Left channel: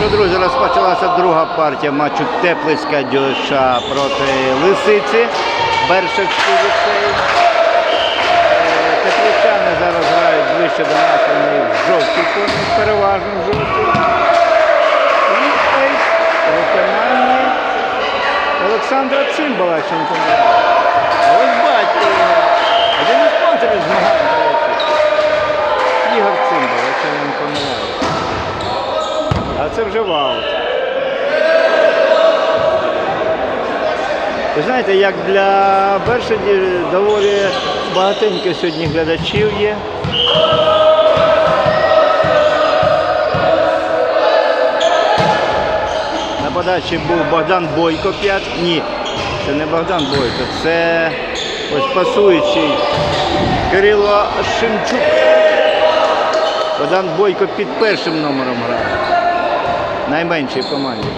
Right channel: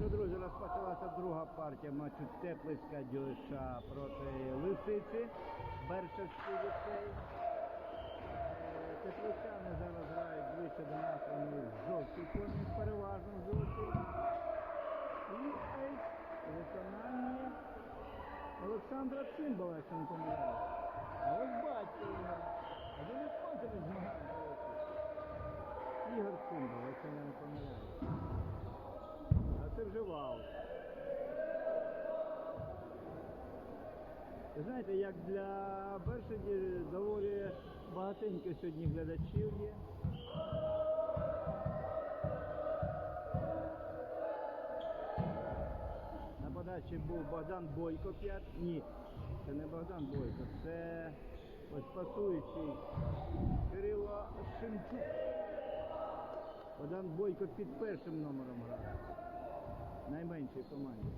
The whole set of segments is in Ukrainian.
Що, друзі, розпочалася друга партія матчу Теплицька дюша проти Лисиці. Бершевський ліцей. Е, Тепличани зараз грають ближче до нас, вони в жовтій формі, переважно в жовтій. І виконанні Олександра Цимбала, якщо не помиляюсь. А ось батько його. Один із спонсорів змагань, до речі. Ігор Цимбал, якщо я не помиляюсь. А це вже вау. Ви знаєте, як для Бершаді доволі багатенько сьогодні глядачів є. На подачі був Богдан Бойко 5. Ні, це не Богдан Бойко, це ось пасуючий Кирило Шимчук. Богдан Бойко під першим номером грає. Найменшій команді.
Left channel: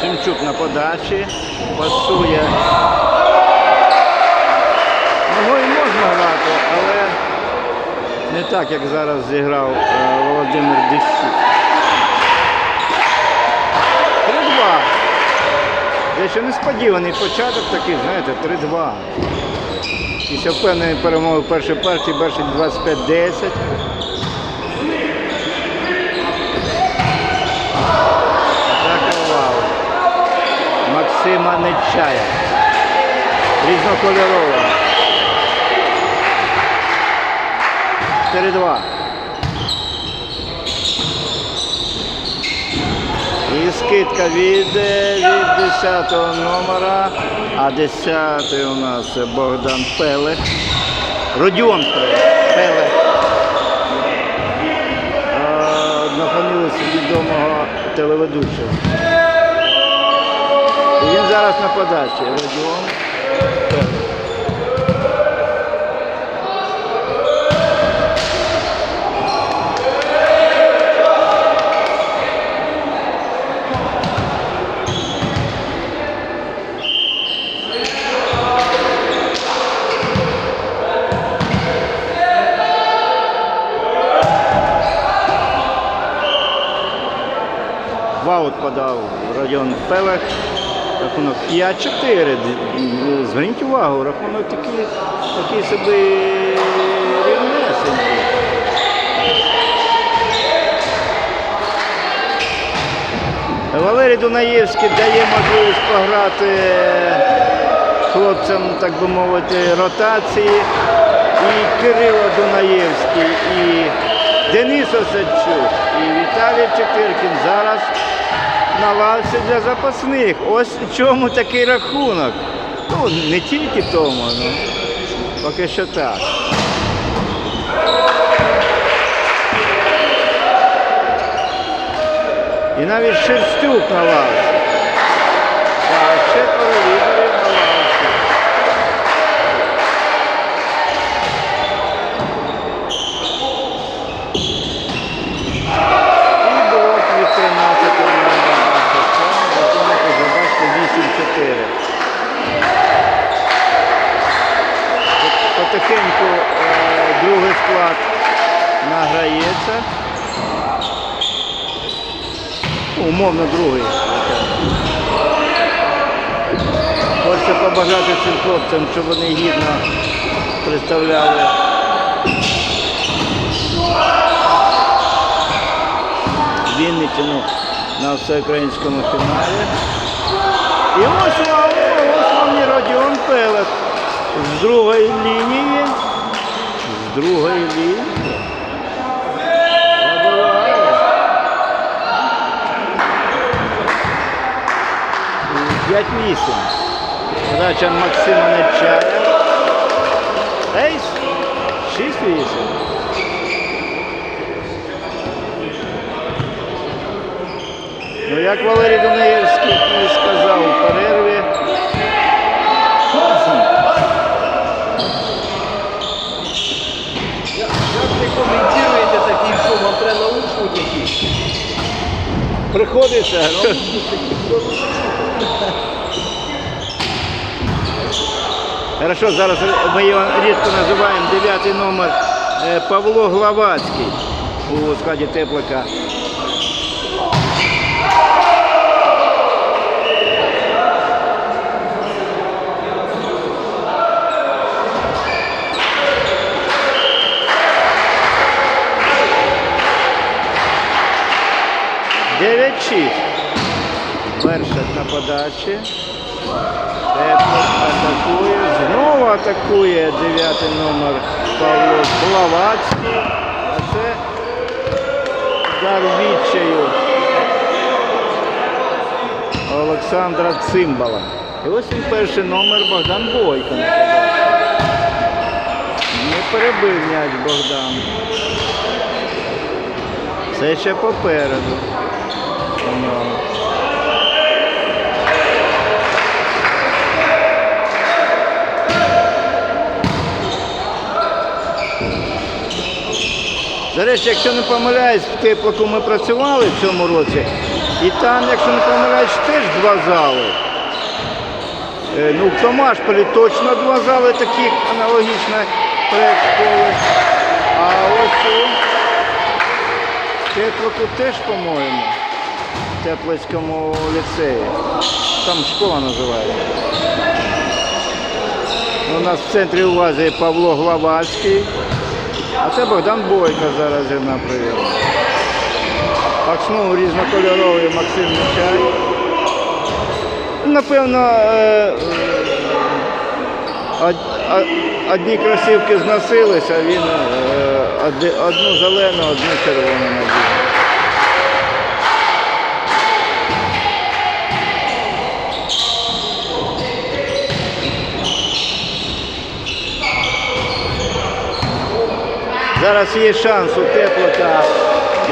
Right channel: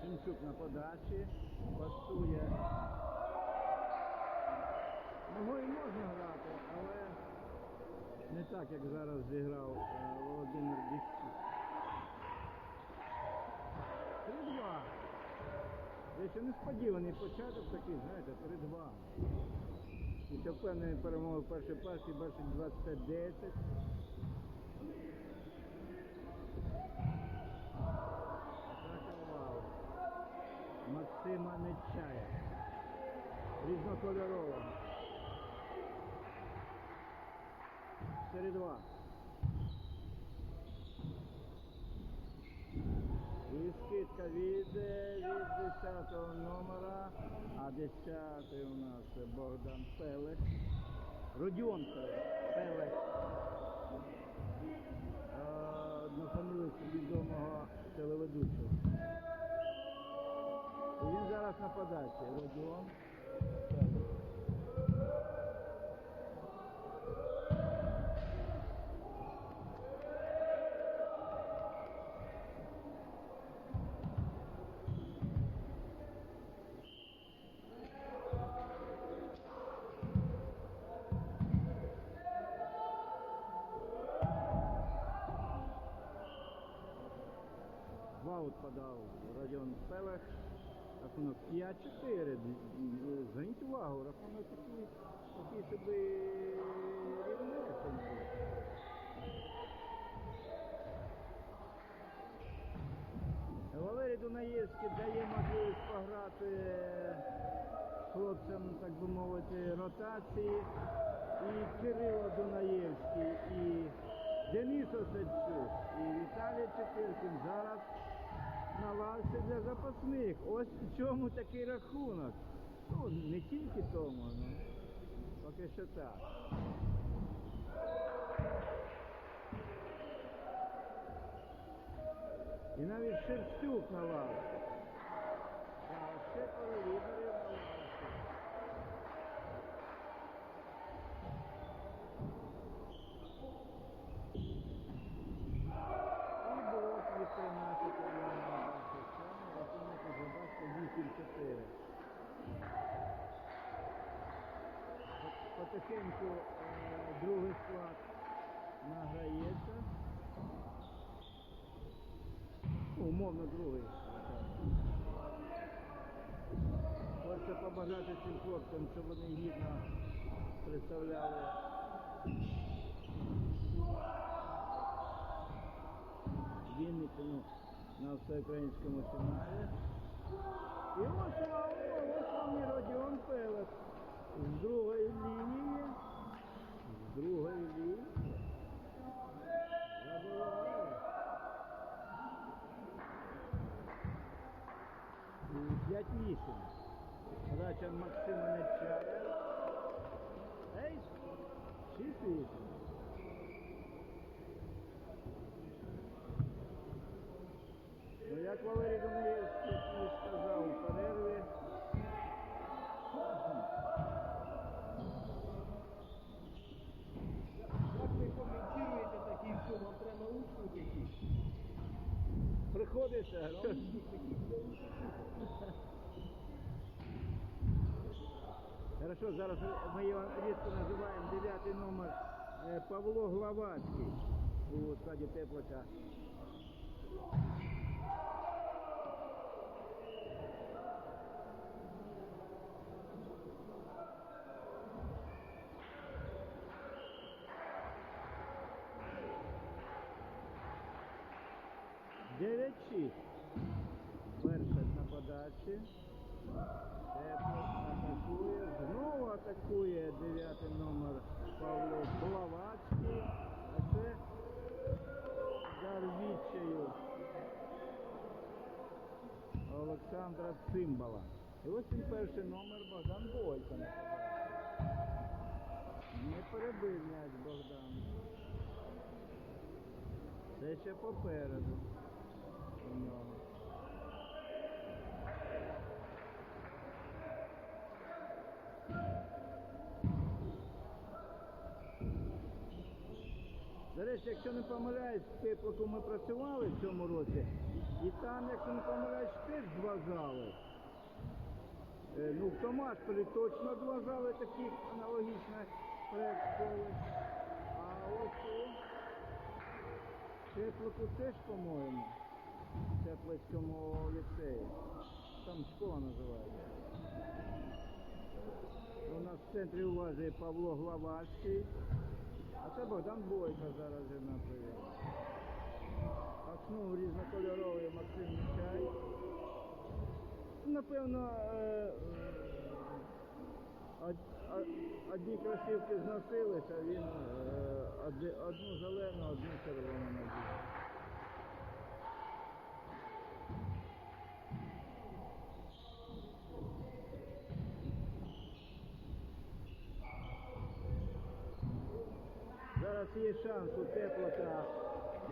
Шимчук на подачі, пасує. Ногою можна грати, але не так, як зараз зіграв е, Володимир Дещук. 3-2. Дещо несподіваний початок такий, знаєте, 3-2. Після впевненої перемоги в першій партії, перший 25-10. Атака Максима Нечая. Різнокольорова. 4-2. Скидка від, е, від 10 номера, а 10 у нас Богдан Пелех. Родіон Пелех. Пелех. На фамілію відомого телеведучого. І він зараз на подачі. Родіон Пелех. Ваут подав Родіон Пелех. Рахунок 5-4. Зверніть увагу, рахунок такий, такий собі рівнесенький. Валерій Дунаєвський дає можливість пограти хлопцям, так би мовити, ротації. І Кирило Дунаєвський, і Денис Осадчук, і Віталій Чепиркін зараз на лавці для запасних. Ось чому такий рахунок. Ну, не тільки тому, ну, поки що так. І навіть Шерстюк на лавці. Так, ще лідерів на лавці. І блок від 13 номера. Рахунок уже бачите 8-4. Потихеньку е, другий склад награється. Ну, Умовно другий. Хочеться побажати цим хлопцям, щоб вони гідно представляли Вінниччину на всеукраїнському фіналі. І ось вам, ось вам і Родіон Пелех з другої лінії. З другої лінії. 5-8. Подача Максима Нечая. Ейс. 6-8. Ну, як Валерій Дунаєвський і сказав у перерві. Як ви коментуєте такий шум? Вам треба якісь? Приходиться. Наушники Хорошо, зараз ми його рідко називаємо дев'ятий номер е, Павло Главацький у складі теплика. Дев'ять шість. Перша на подачі. Теплик атакує. Знову атакує дев'ятий номер Павло Блавацький. А це удар відчаю Олександра Цимбала. І ось він перший номер Богдан Бойко. Не перебив м'яч Богдан. Це ще попереду. До речі, якщо не помиляюсь, в теплику ми працювали в цьому році, і там, якщо не помиляюсь, теж два зали. Е, Ну, в Томашполі точно два зали такі аналогічно проєкт. А ось у теплику теж, по-моєму, в Теплицькому ліцеї. Там школа називається. У нас в центрі уваги Павло Главацький. А це Богдан Бойко зараз на прийом. Пакснув різнокольоровий Максим Нечай. Напевно, е, е, од- од- одні кросівки зносилися, а він е, одну зелену, одну червону надів. Зараз є шанс у теплока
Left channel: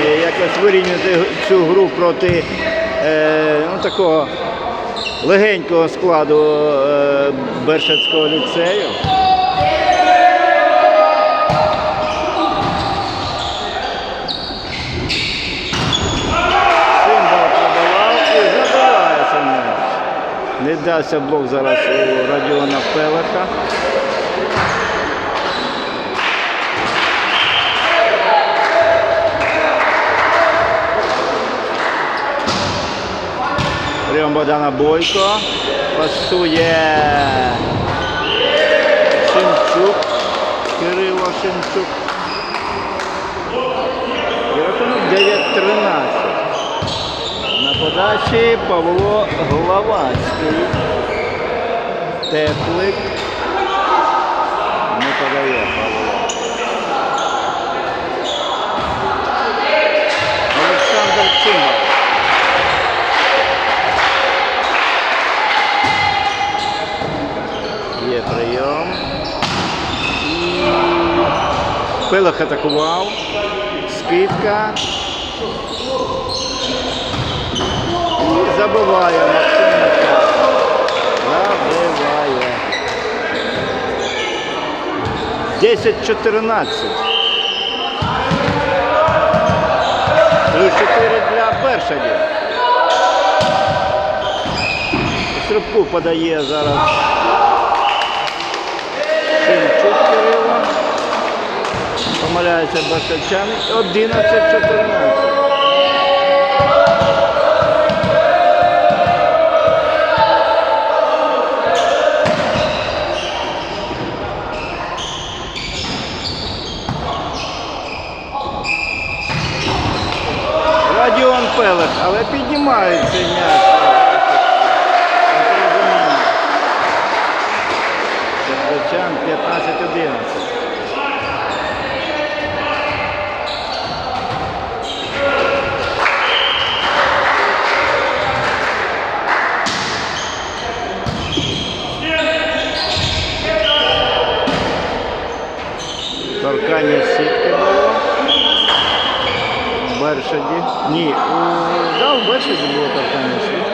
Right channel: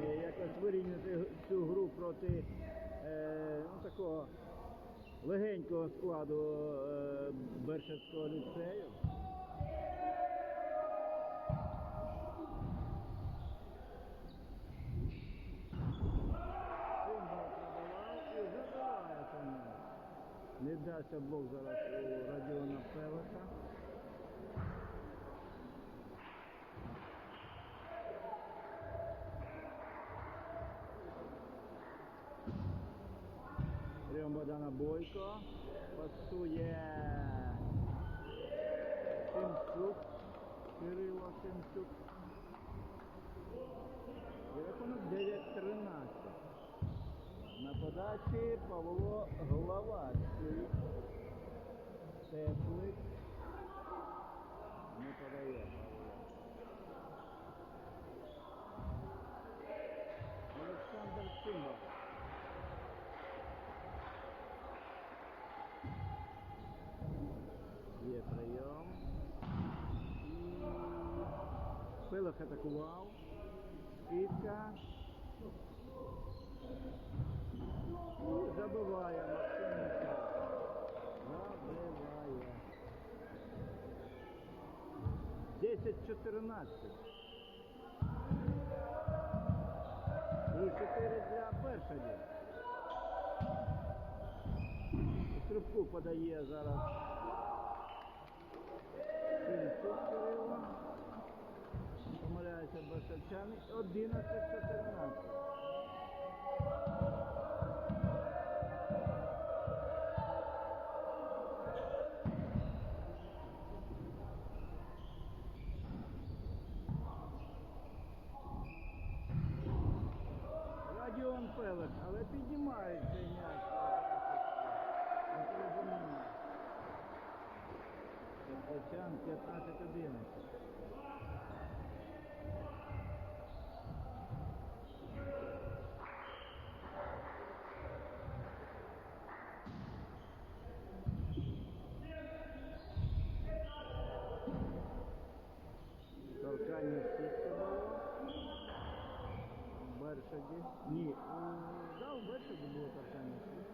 е, якось вирівняти цю гру проти е, ну, такого легенького складу е, Бершацького ліцею. Не дався блок зараз у Радіона Пелеха. Богдана Бойко. Пасує Шимчук. Кирило Шимчук. І рахунок 9-13. На подачі Павло Главацький. Теплик. Не подає Павло. Олександр Цимбал. Є прийом. І Пилах атакував. Скидка. І забиває Максим Забиває. 10-14. Плюс 4 для Бершадів. Стрибку подає зараз Помиляється Басачани. 11-14. Радіон Пелех, але піднімають цей м'яч. Бершаді. Ні, у... да, в Бершаді було торкання сітки.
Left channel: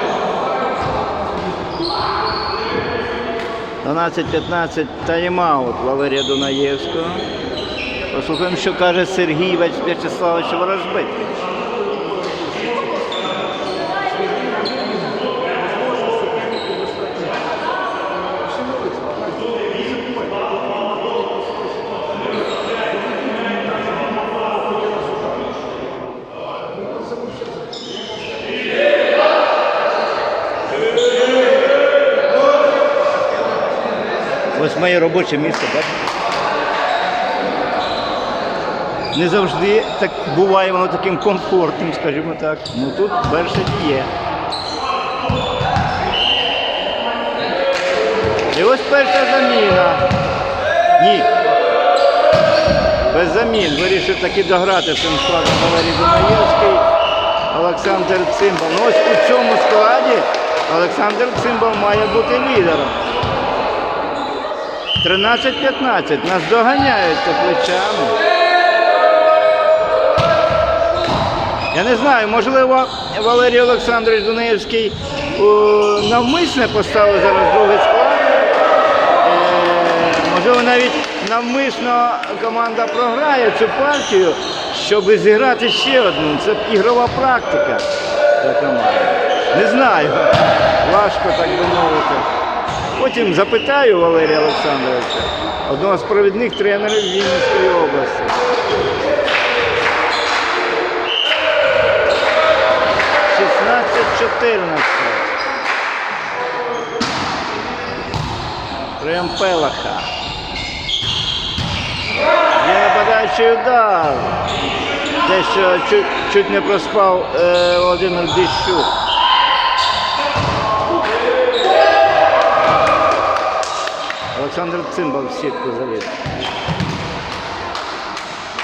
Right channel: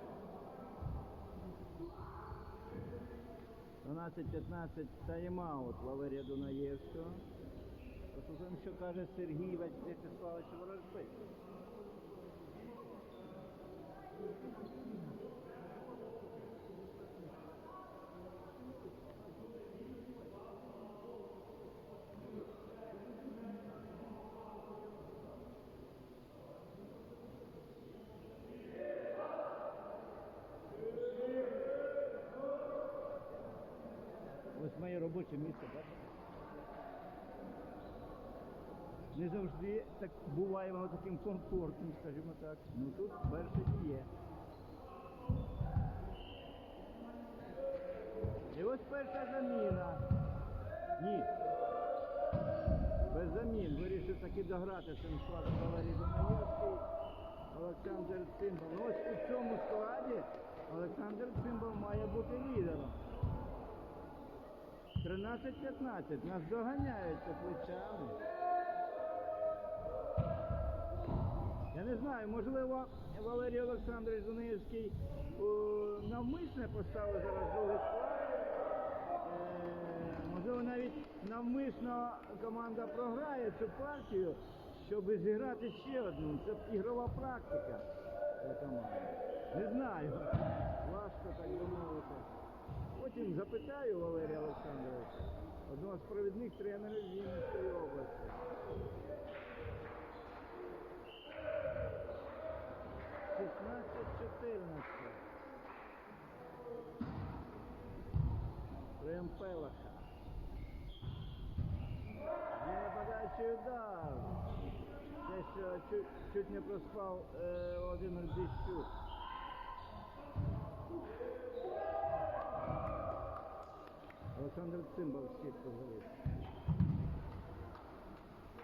12-15 тайм-аут Валерія Дунаєвського. Послухаємо, що каже Сергій В'ячеславович Ворожбит. Ось моє робоче місце, бачите? Не завжди так буває воно таким комфортним, скажімо так. Ну тут перше є. І ось перша заміна. Ні. Без замін. Вирішив таки дограти цим складом Валерій Дунаєвський, Олександр Цимбал. Ну ось у цьому складі Олександр Цимбал має бути лідером. 13-15. Нас доганяють тепличани. Я не знаю, можливо, Валерій Олександрович Дунаєвський навмисне поставив зараз другий склад. Е, Можливо, навіть навмисно команда програє цю партію, щоб зіграти ще одну. Це ігрова практика для команди. Не знаю. Важко так би мовити. Потім запитаю Валерія Олександровича, одного з провідних тренерів Вінницької області. Прям Пелаха. Є нападаючий удар. Те, що чуть, чуть не проспав е, Володимир Дищук. Олександр Цимбал в сітку заліз.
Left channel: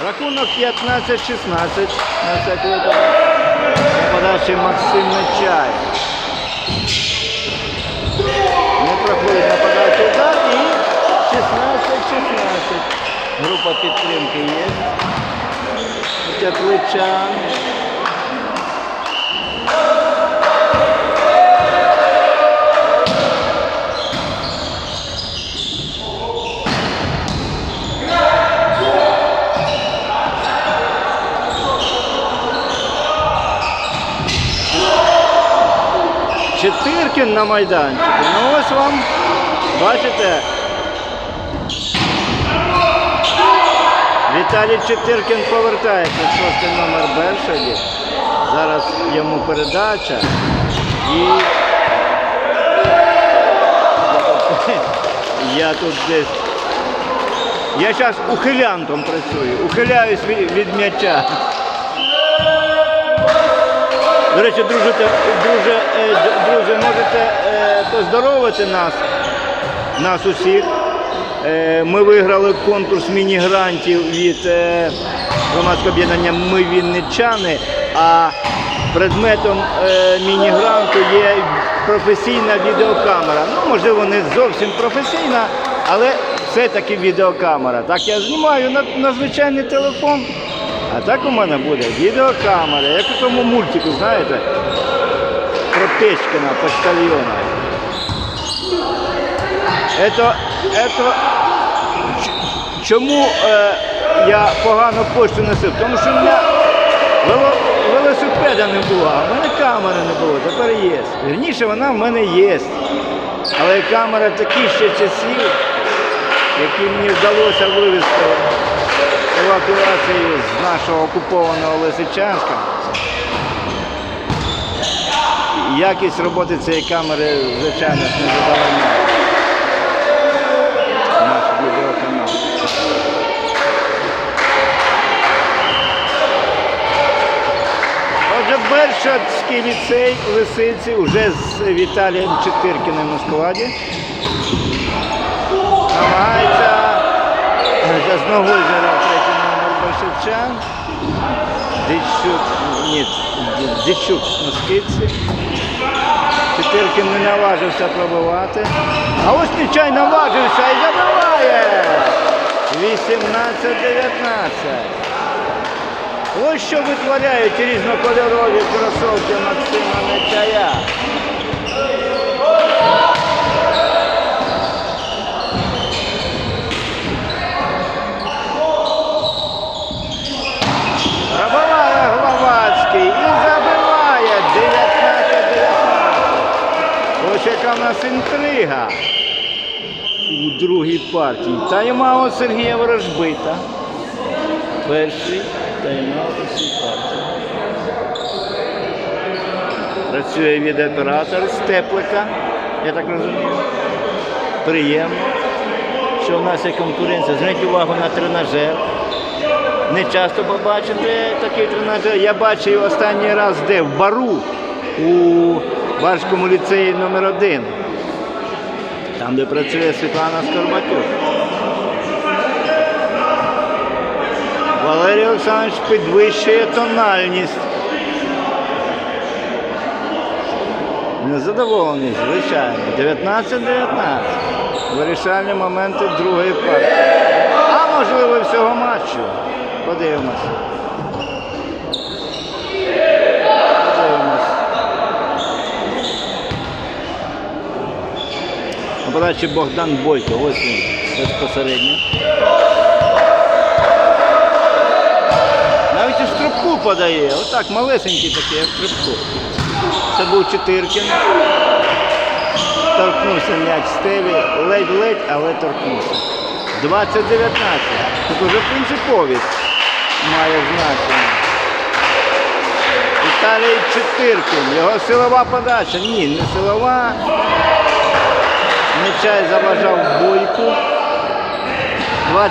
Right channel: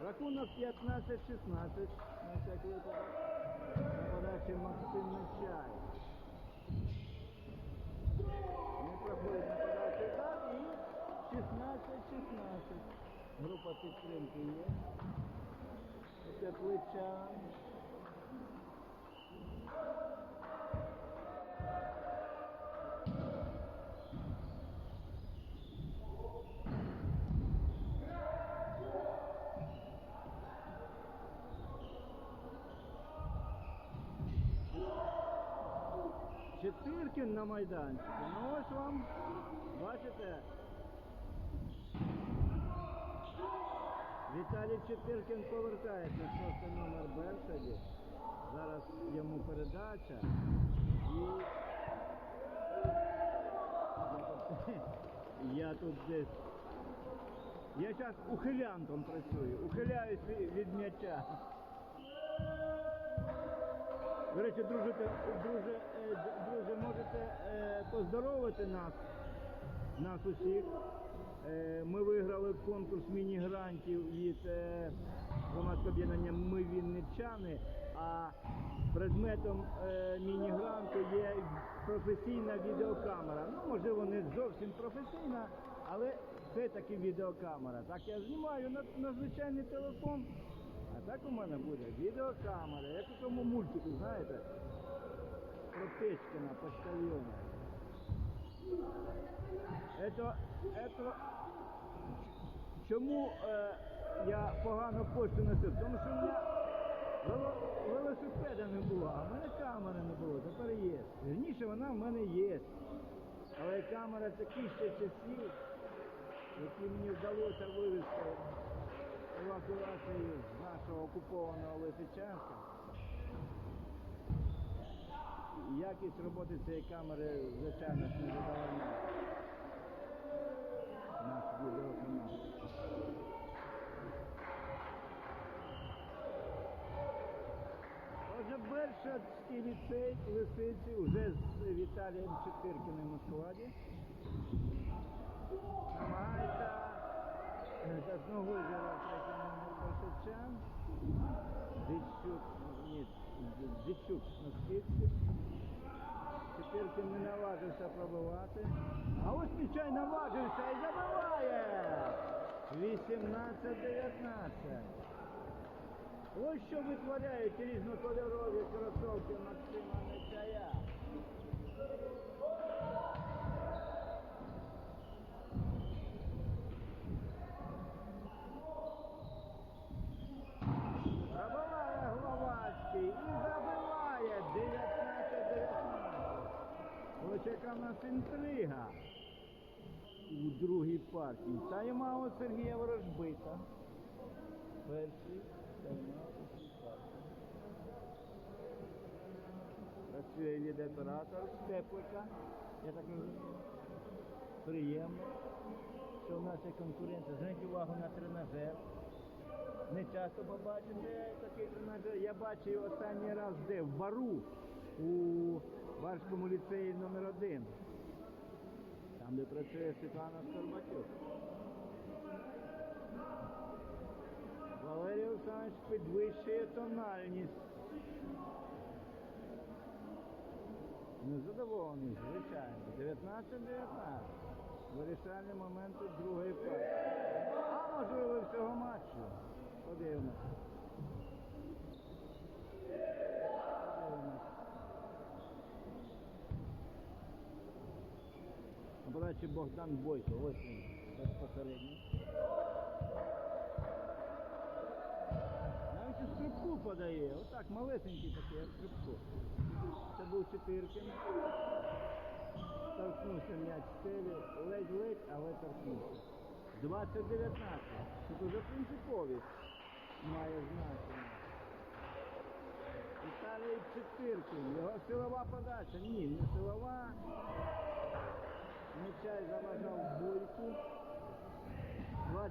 Рахунок 15-16 на всякий випадок. Нападаючий Максим Нечай. Не проходить нападаючий удар і 16-16. Група підтримки є. Тепличан. Четиркін на майданчику. Ну ось вам, бачите. Віталій Четиркін повертається шостий номер Бершаді. Зараз йому передача. І я тут десь. Я зараз ухилянтом працюю, ухиляюсь від м'яча. До речі, друже, друже, е, друзі, можете е, поздоровити нас, нас усіх. Е, Ми виграли конкурс міні-грантів від громадського об'єднання Ми Вінничани, а предметом міні-гранту є професійна відеокамера. Ну, можливо, не зовсім професійна, але все-таки відеокамера. Так я знімаю на, на звичайний телефон. А так у мене буде відеокамера, як у тому мультику, знаєте, про Печкина, почтальона. Это, это, чому е, я погано почту носив? Тому що в мене вело- велосипеда не було, а в мене камери не було, тепер є. Вірніше, вона в мене є. Але камера такі ще часів, які мені вдалося вивезти евакуації з нашого окупованого Лисичанська. Якість роботи цієї камери, звичайно, не задовольняє. Наш відеоканал. Отже, Бершатський ліцей Лисиці вже з Віталієм Четиркіним у складі. Намагається третій номер Большевчан. Дичук, ні, Дичук на скидці. Чотиркін не наважився пробивати. А ось Нечай наважився і забиває. 18-19. Ось що витворяють різнокольорові кросовки Максима Нечая. Пробиває Гловацький і забиває 19-19. Ось яка в нас інтрига у другій партії. Тайм-аут Сергія Ворожбита. Перший тайм-аут у цій партії. Працює відеооператор з теплика, я так розумію. Приємно. що в нас є конкуренція. Зверніть увагу на тренажер. Не часто побачите такий тренажер. Я бачив останній раз де? В бару у Барському ліцеї номер 1 Там, де працює Світлана Скорбатюк. Валерій Олександрович підвищує тональність. Незадоволений, звичайно. 19-19. Вирішальні моменти другої партії. А можливо всього матчу. Подивимося. Подивимось. На подачі Богдан Бойко. Ось він безпосередньо. Навіть у стрибку подає. Отак, малесенький такий, як стрибку. Це був Чотиркін. Торкнувся м'яч стелі, ледь-ледь, але торкнувся. 20-19. Тут уже принциповість має значення. Віталій Чотиркін. Його силова подача. Ні, не силова. Нечай заважав бойку. 21-19.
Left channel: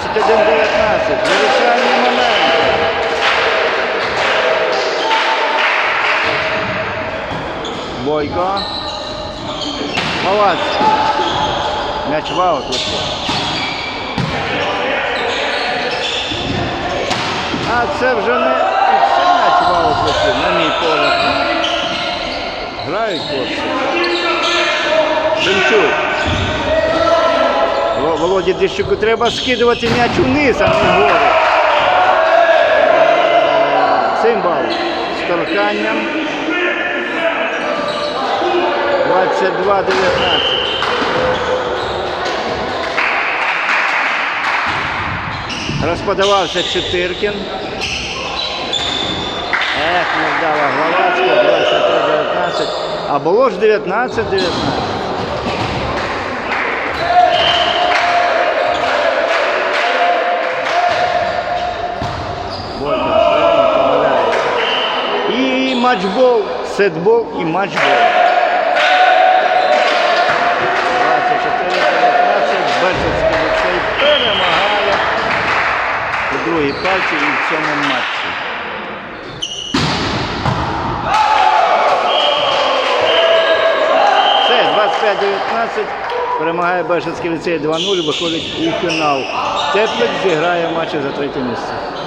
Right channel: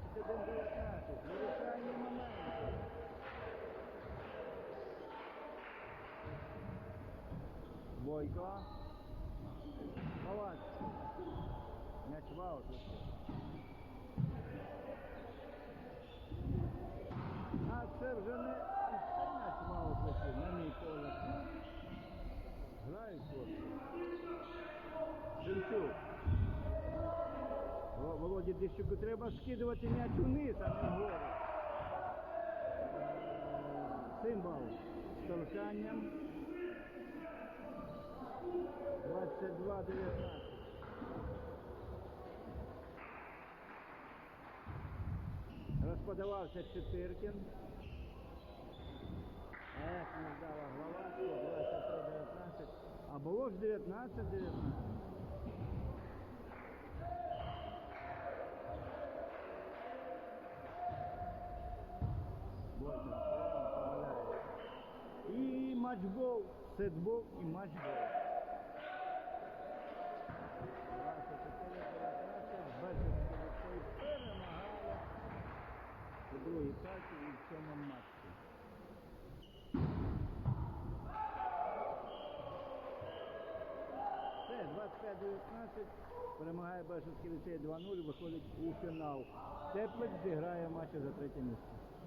Вирішальний момент. Бойко. Малацький. М'яч в аут вийшов. А це вже не це м'яч в аут вийшов, на мій погляд. Грають хлопці. Демчук. Во- Володі Дещуку треба скидувати м'яч униз, а не вгору. Цимбал з торканням. 22-19. Розподавався Чотиркін. Ех, не вдала Гловацька, 23-19. А було ж 19-19. Матчбол, сетбол і матчбол. 24-19 Бершинський ліцей перемагає у другій партії і в цьому матчі. Все, 25-19 перемагає Бершинський ліцей 2-0, виходить у фінал. Теплик зіграє матчі за третє місце.